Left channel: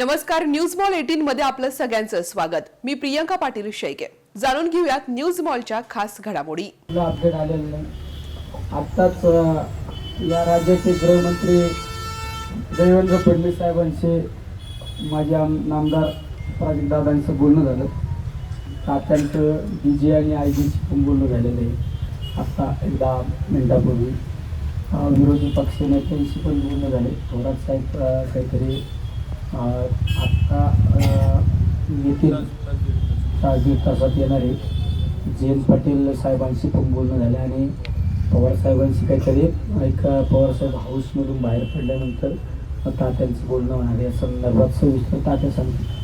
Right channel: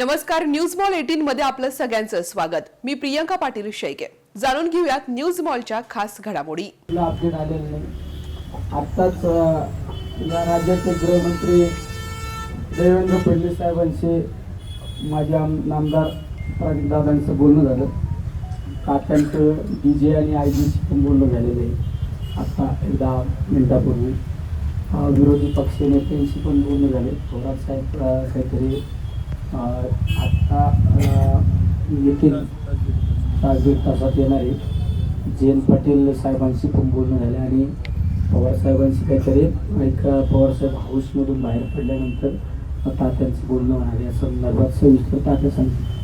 नमस्कार news mall eighteen मध्ये आपलं सगळ्यांचं स्वागत. मी प्रियंका पाटील शेळके. जाणून घेऊयात न्यूज मॉलच्या खास घडामोडी. अपडेट आलेलं आहे. आत्ताच या राज्याचे गृहमंत्री देवेंद्र फडणवीस साहेबांशी माझे नामदार दादांचं बोलणं झालं. तात्यांचं डी जे आणि आय जीशी पण बोलणं झालेलं आहे. आत्ता एक दहा मिनिटापूर्वी विरोधी पक्ष नेत्यांशी पण बोलणं झाले. थोडासाहेब काहीतरी आत्ता अ, येतील तास दीड तासात येणार आहे जयंत पाटील साहेबांशी पण बोलणं झाले आणि पवार साहेबांशी काहीतरी एक पवारसाहेब हाऊसमधून बाहेर पडल्यानंतर तात्यांचं बोलणं होणार या संदर्भात सविस्तर तात्या सांगितलं.